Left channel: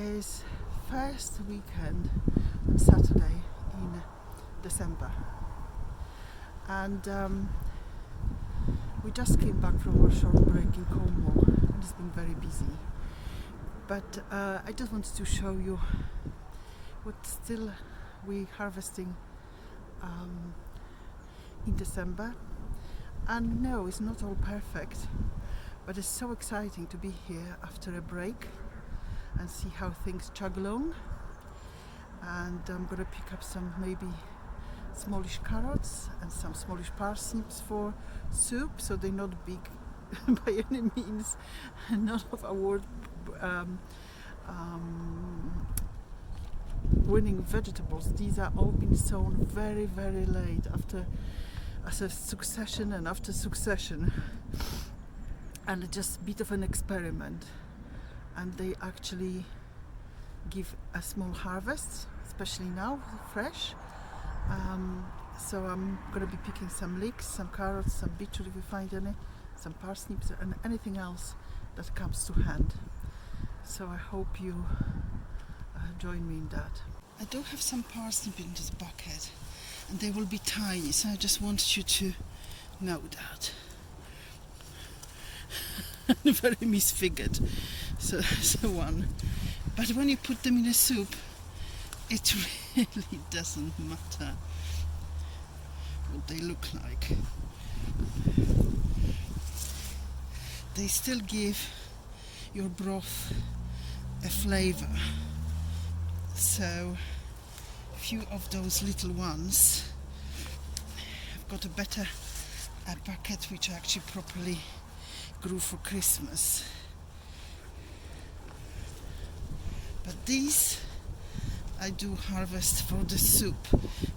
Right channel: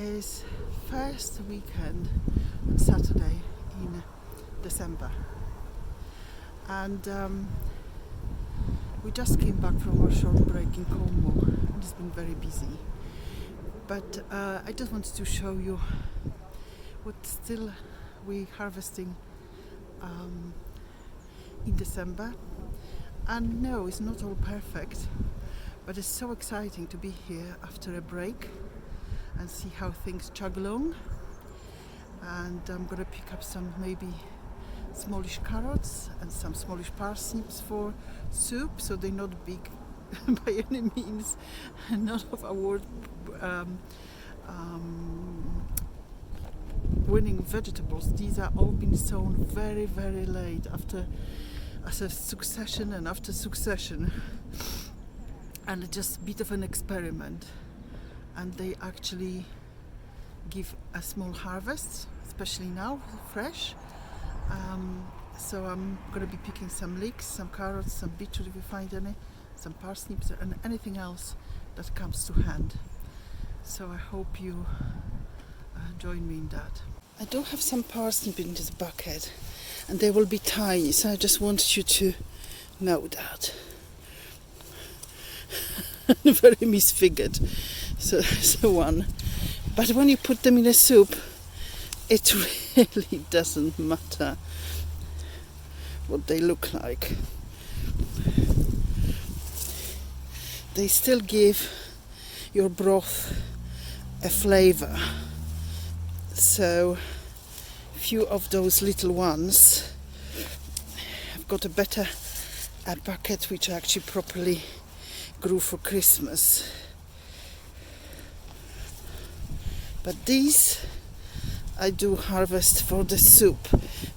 is first weekend on Saturday in December, and we just came back from our short break in Cornwall and it's been very busy, but I just wanted to show you what still we harvesting in December. And no, it's not all perfect, but it's so exciting to be here after a break and see how things chug along. And I'm gonna pick up some maybe smallish carrots and some smallish parsnips for soup, so they're not big by any means, none of award winning vegetables. These are all been sown very, very late as a succession and after succession, and just a bit of an experiment, and they actually give a small harvest, especially now fresh. So I'm going to be picking some leeks, some carrots, some beetroot if we find any, some parsnips and anything else that comes to hand. So I hope you join me in that. I do have some parsnip in this bucket, and they will be tiny, so I just wanted you to know that. Very misfigured, so that's the one. But when you put them in a soup, it really doesn't matter what they look like. They still give your broth a flavor. So few of those little ones, I've got a bucket which I actually properly grew for Christmas. But these I do harvest for the soup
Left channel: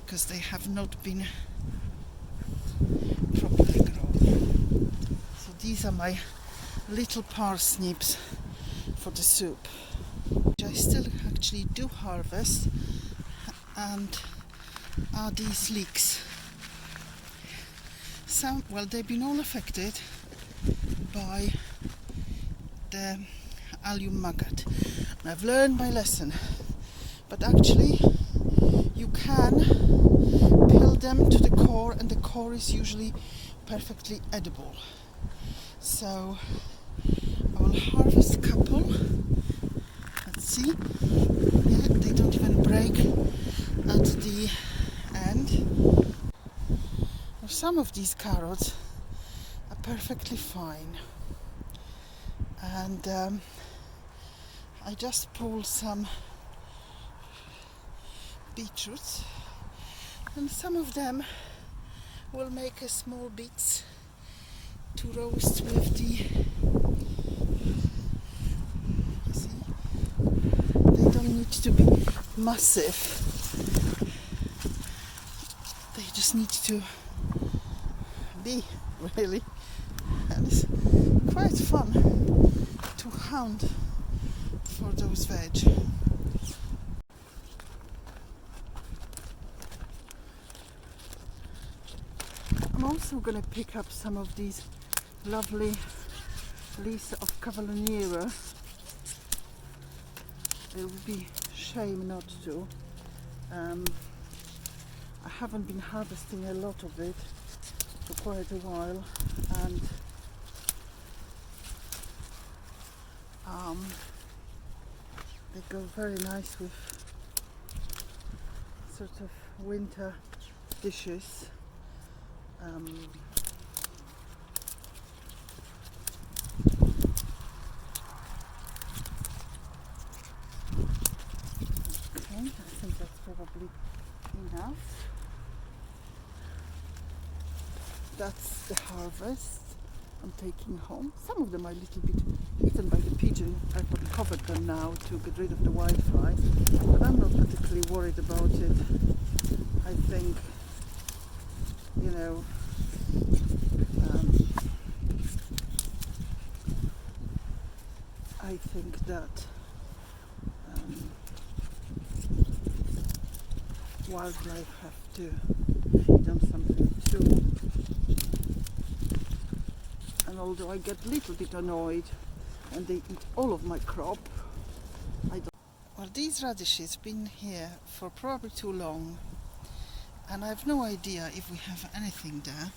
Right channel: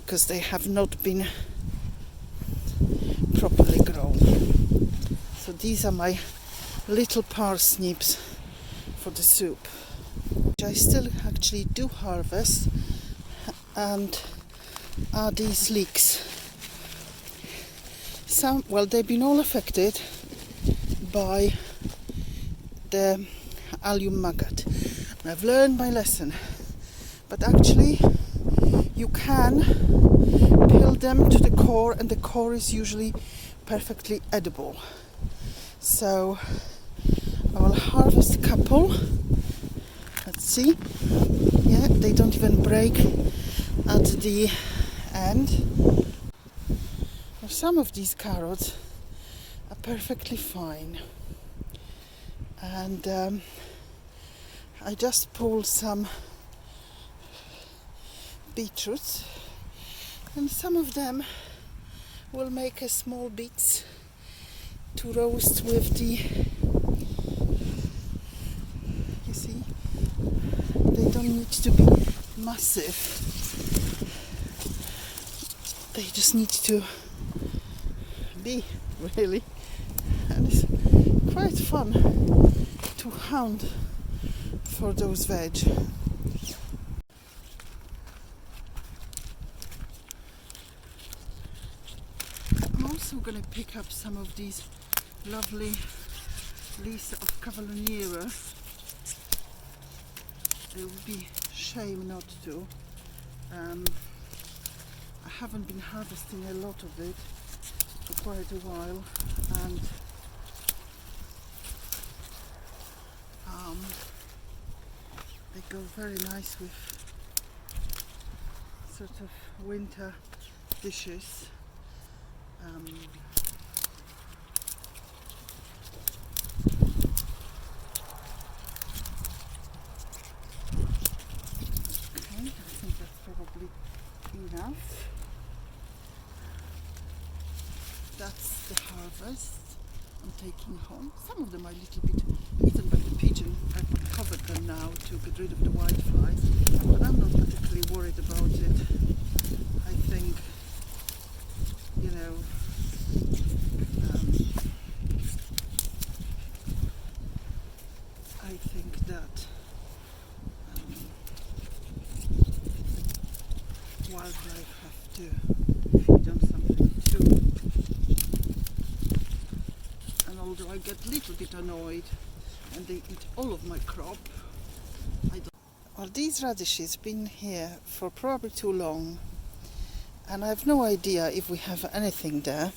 because they have not been properly grown. So these are my little parsnips for the soup, which I still actually do harvest, and are these leeks. Some, well, they've been all affected by the allium maggot. And I've learned my lesson, but actually you can peel them to the core, and the core is usually perfectly edible. So I will harvest a couple. Let's see. Yeah, they don't even break at the end. Now, some of these carrots are perfectly fine, and I just pulled some beetroots, and some of them will make a small bits to roast with the, you see, they don't need to be massive, they just need to be, really, and it's quite fun to hunt for those veg. I'm also going to pick up some of these lovely leaves of Cavalloniera. It would be shame not to. I haven't been harvesting a lot of it for quite a while, and they go very nice with sort of winter dishes. Okay, I think that's probably enough. That's the harvest I'm taking home. Some of them are a little bit eaten by the pigeon. I've uncovered them now to get rid of the whiteflies, but I'm not particularly worried about it. I think, you know, I think that wildlife have to be done something too. And although I get a little bit annoyed and they eat all of my crop, I don't. Well, these radishes been here for probably too long, and I have no idea if we have anything there,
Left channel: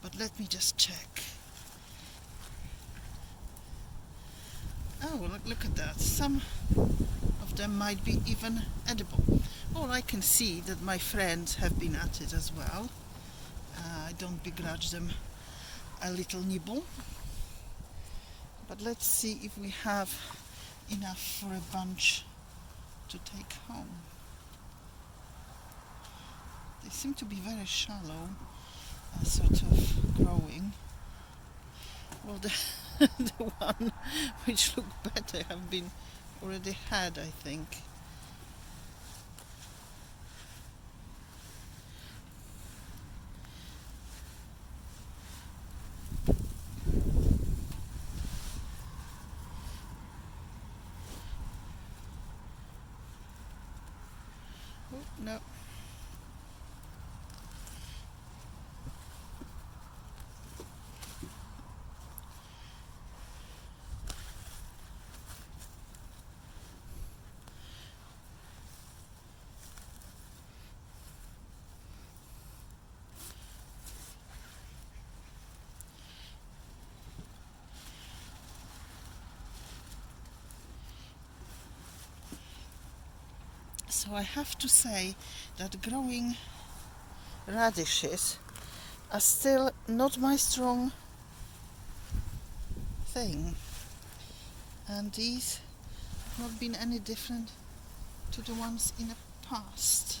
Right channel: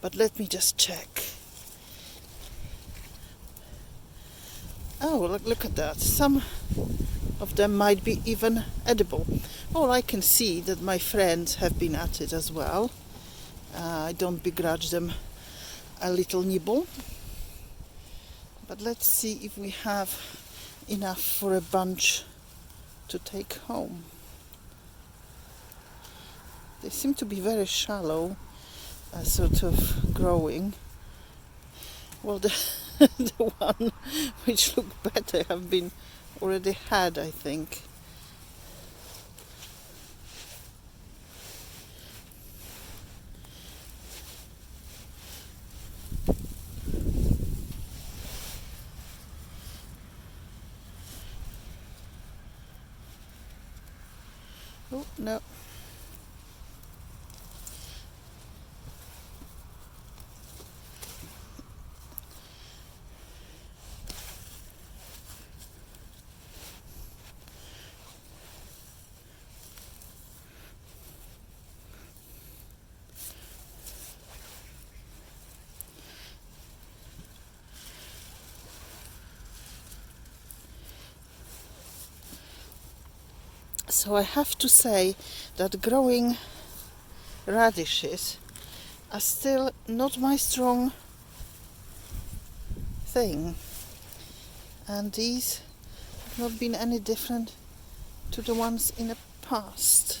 but let me just check. Oh, look at that. Some of them might be even edible. Or I can see that my friends have been at it as well. I don't begrudge them a little nibble. But let's see if we have enough for a bunch to take home. They seem to be very shallow, sort of growing. Well, the one which look better have been already had, I think. Oh, no. So I have to say that growing radishes are still not my strong thing, and these have not been any different to the ones in the past.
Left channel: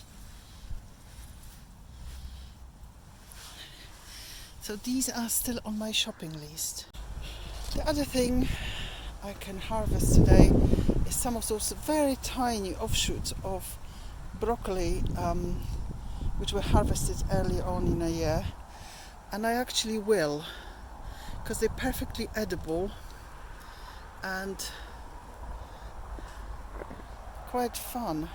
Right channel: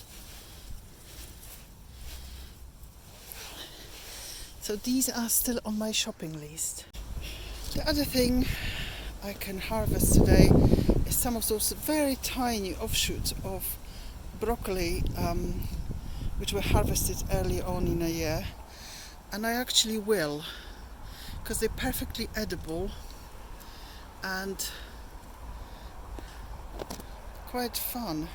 So these are still on my shopping list. The other thing I can harvest today is some of those very tiny offshoots of broccoli which were harvested early on in a year, and I actually will, because they're perfectly edible and quite fun.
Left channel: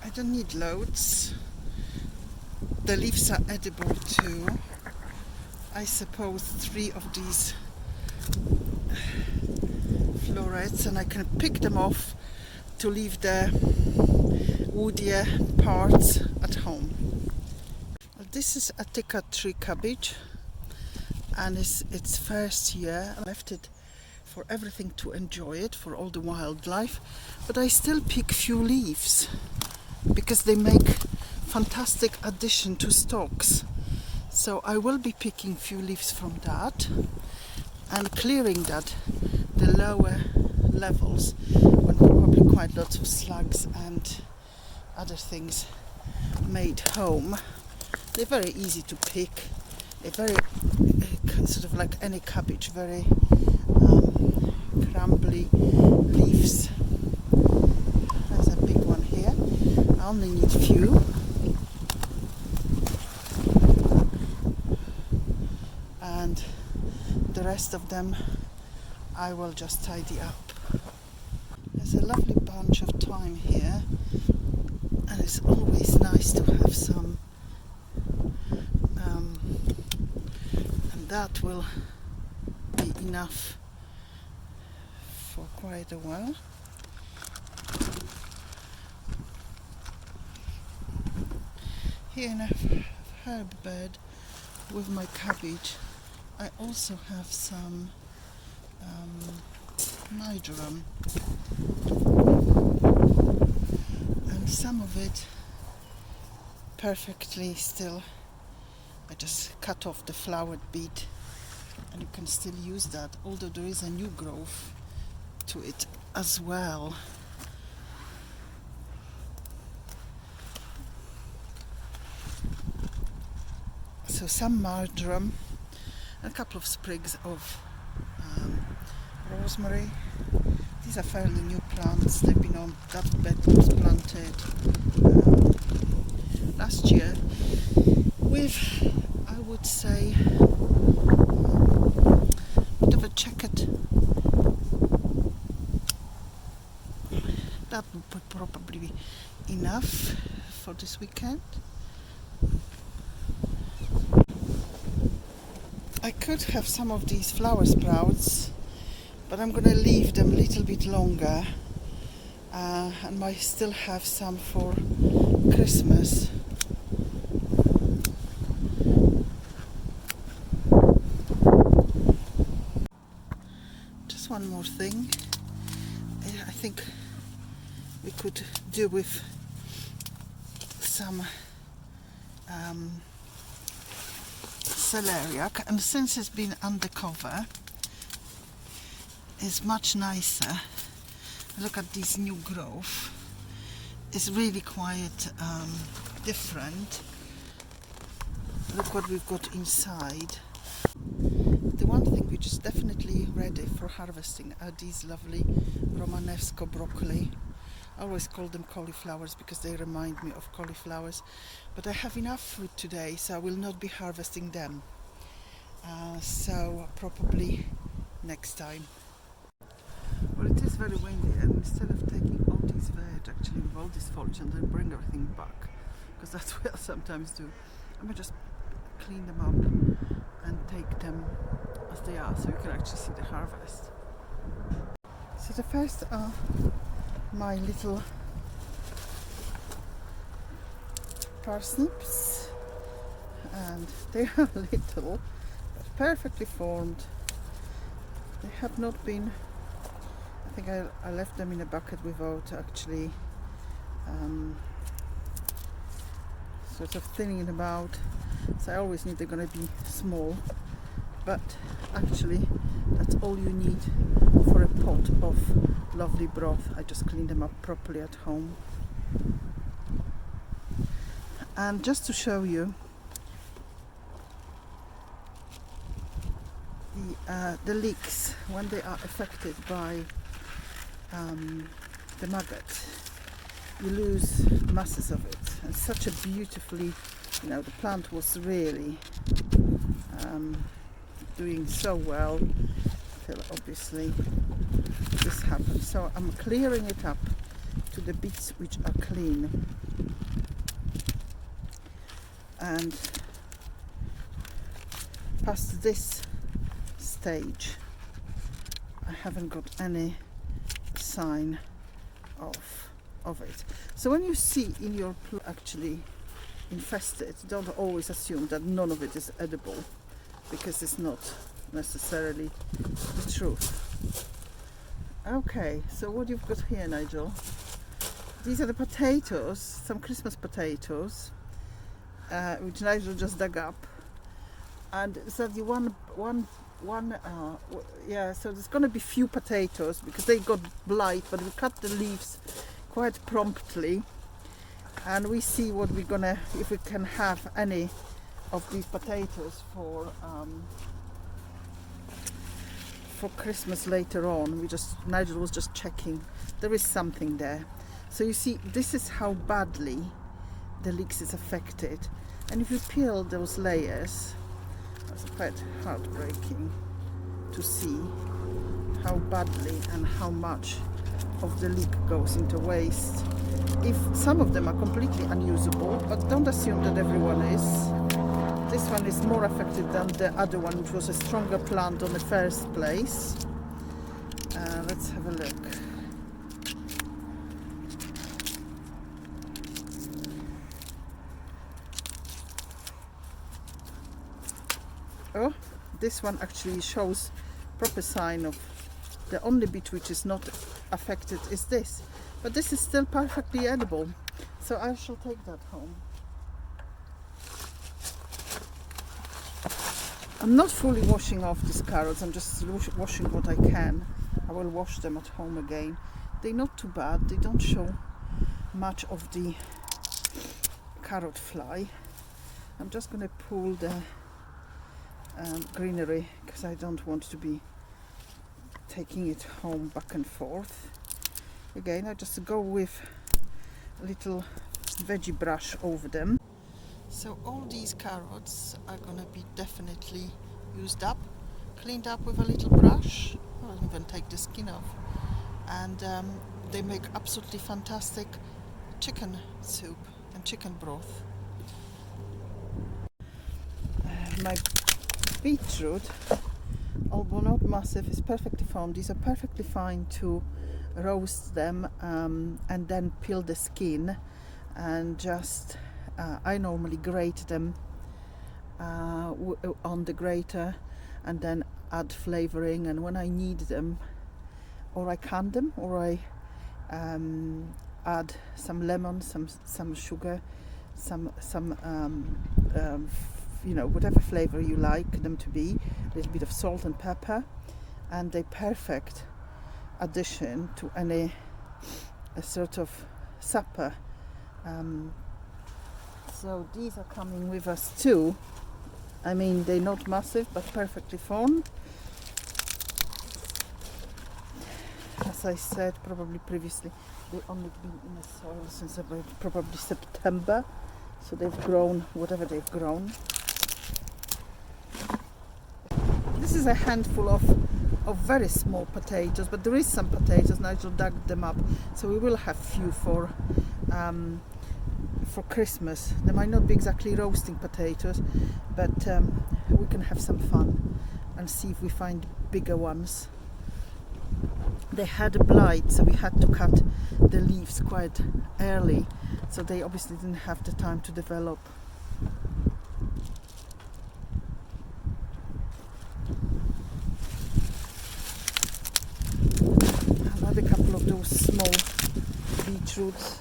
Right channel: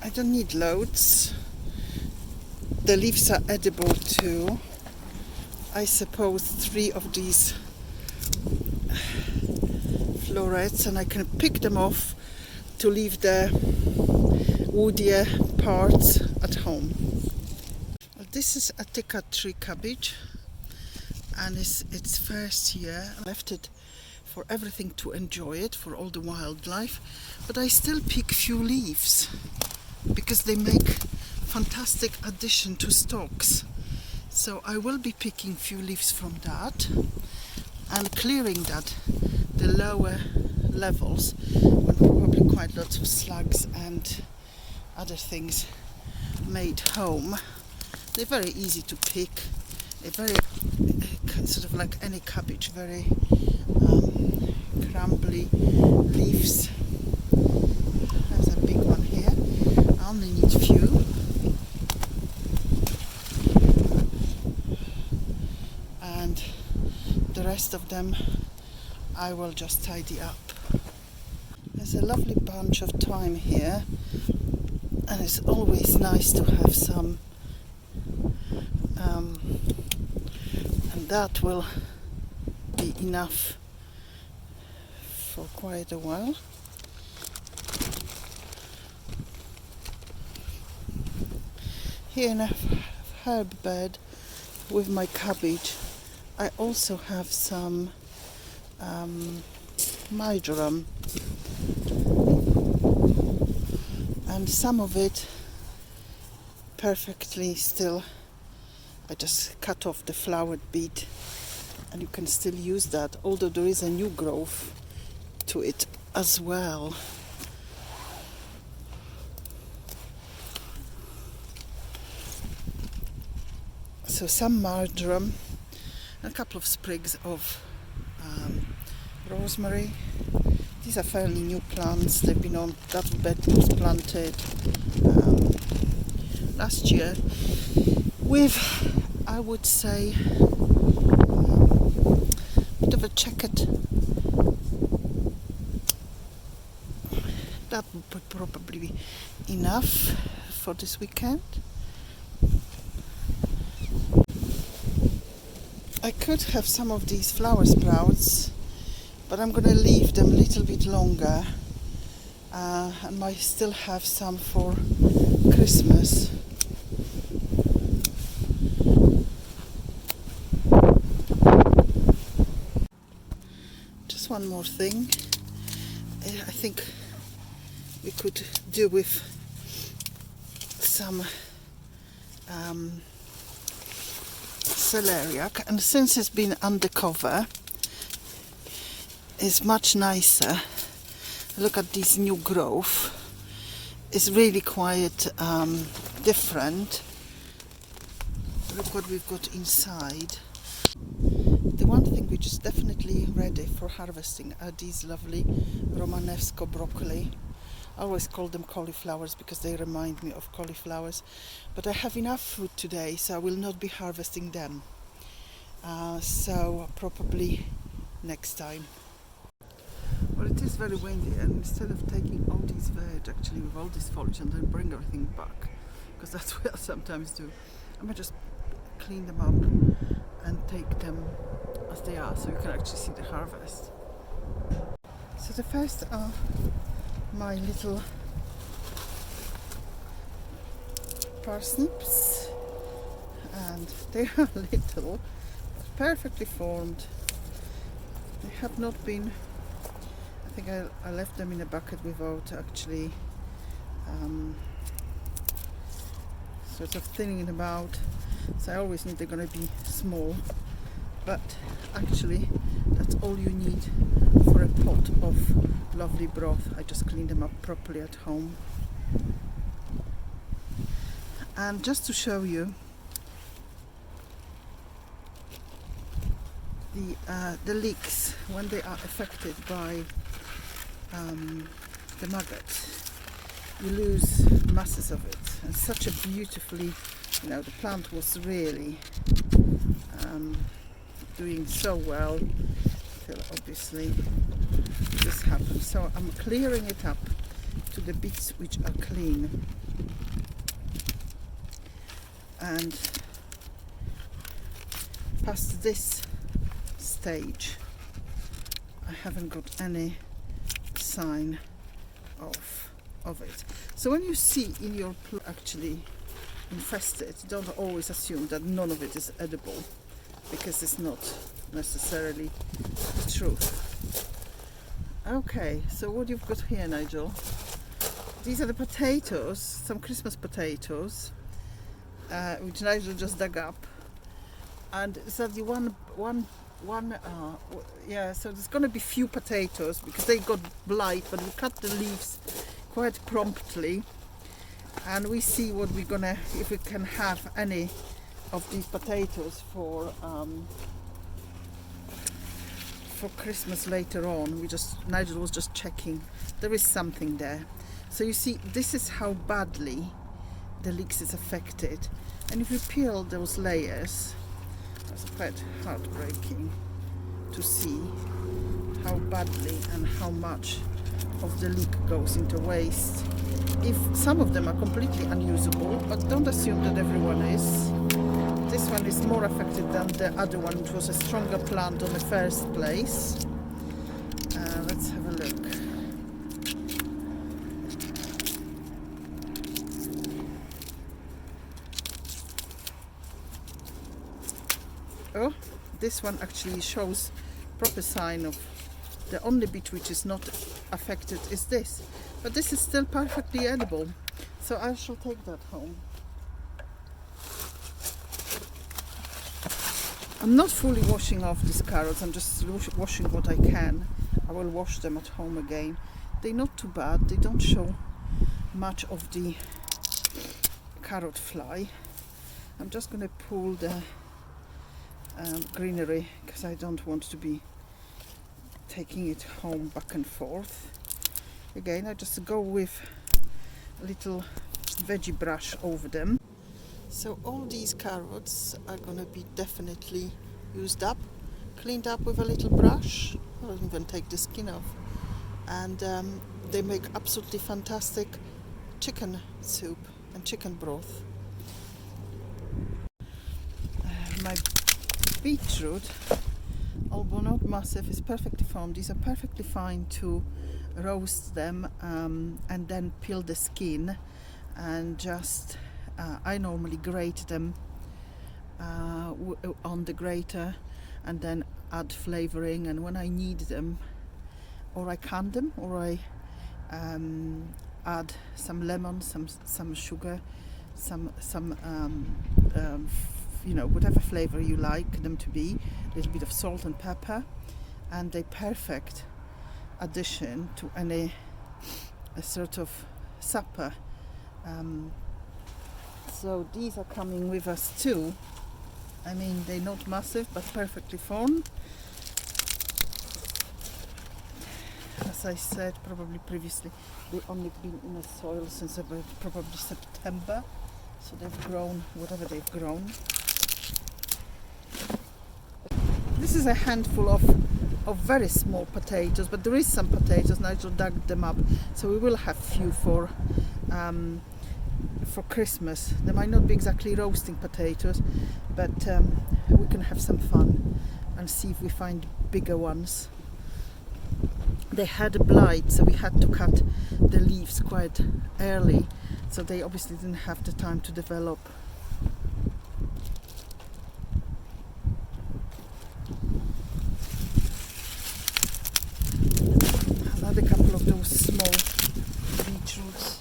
I don't need loads. The leaves are edible too. I suppose 3 of these florets, and I can pick them off to leave the woodier parts at home. This is a Tikka tree cabbage, and it's its first year. I left it for everything to enjoy it, for all the wildlife, but I still pick few leaves because they make fantastic addition to stocks. So I will be picking few leaves from that and clearing that the lower levels, when probably quite lots of slugs and other things made home. They're very easy to pick. They're very sort of like any cabbage, very crumbly leaves. There's a big one here. I only need few. And the rest of them I will just tidy up. There's a lovely bunch of thyme here, and it's always nice to have some, and that will be enough for quite a while. Here in a herb bed with my cabbage, I also have some marjoram, and some of it perfectly still. I just cut off the flowered bit, and you can still use that, although there is a new growth to it as well. So some marjoram, a couple of sprigs of rosemary. These are fairly new plants. They've been on that bed was planted last year with, I would say, a bit of a checkered. That would probably be enough for this weekend. I could have some of these flower sprouts, but I'm gonna leave them a little bit longer, and might still have some for Christmas. Just one more thing. I think we could do with some celeriac, and since it's been undercover, it's much nicer. Look at this new growth. It's really quite different. Look what we've got inside. The one thing which is definitely ready for harvesting are these lovely Romanesco broccoli. I always call them cauliflowers because they remind me of cauliflowers, but I have enough fruit today, so I will not be harvesting them. So probably next time. Well, it is very windy, and instead of taking all these veg actually with all this foliage and then bring everything back, because that's what I sometimes do, I'm gonna just clean them up and take them as they are, so you can actually see the harvest. So the first are my little parsnips, and they are little but perfectly formed. They have not been, I think I left them in a bucket without actually sort of thinning them out, so I always knew they're going to be small, but actually that's all you need for a pot of lovely broth. I just cleaned them up properly at home. And just to show you the leeks when they are affected by the maggot, you lose masses of it. And such a beautifully, the plant was really doing so well till obviously this happened. So I'm clearing it up to the bits which are clean, and past this stage I haven't got any sign of it. So when you see in your actually infested, don't always assume that none of it is edible, because it's not necessarily the truth. Okay, so what you've got here, Nigel, these are the potatoes, some Christmas potatoes, which Nigel just dug up, and so the yeah, so there's going to be few potatoes because they got blight, but we cut the leaves quite promptly, and we see what we're gonna, if we can have any of these potatoes for Christmas later on. Nigel was just checking, there is something there. So you see, this is how badly the leeks is affected, and if you peel those layers, it's quite heartbreaking to see how badly and how much of the leek goes into waste. If some of them are completely unusable, but don't assume that everyone is. This one is more affected than the other one, which was a stronger plant on the first place. Let's have a look. Oh, this one actually shows proper sign of the only bit which is not affected is this, but this is still perfectly edible, so I shall take that home. I'm not fully washing off these carrots, I'm just washing what I can. I will wash them at home again. They're not too bad, they don't show much of the carrot fly. I'm just going to pull the greenery because I don't want to be taking it home back and forth. Again, I just go with a little veggie brush over them. So all these carrots are gonna be definitely used up, cleaned up with a little brush. I'll even take the skin off. And they make absolutely fantastic chicken soup and chicken broth. My beetroot, although not massive, is perfectly fine. These are perfectly fine to roast them and then peel the skin and just I normally grate them on the grater and then add flavoring, and when I need them, or I can them, or I add some lemon, some sugar, some you know, whatever flavor you like them to be, a little bit of salt and pepper, and a perfect addition to any a sort of supper. So these are coming with us too. I mean, they're not massive but perfectly fine. As I said probably previously, they've only been in the soil since about probably September, so they've grown whatever they've grown. This is a handful of very small potatoes, but there is some potatoes. Nigel dug them up, so we will have few for Christmas. They might not be exactly roasting potatoes, but we can have some fun and see if we find bigger ones. They had a blight, so we had to cut the leaves quite early, so they obviously didn't have the time to develop. Another couple of those small beetroots.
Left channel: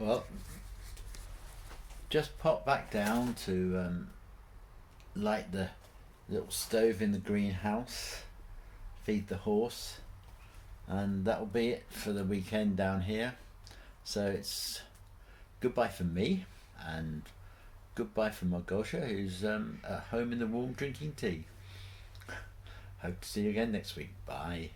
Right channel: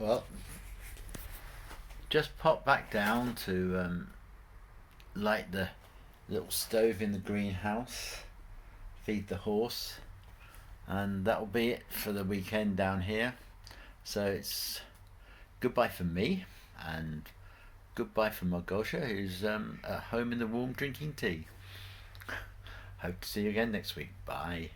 Well, just pop back down to light the little stove in the greenhouse, feed the horse, and that'll be it for the weekend down here. So it's goodbye from me and goodbye from Margosha, who's at home in the warm drinking tea. Hope to see you again next week. Bye.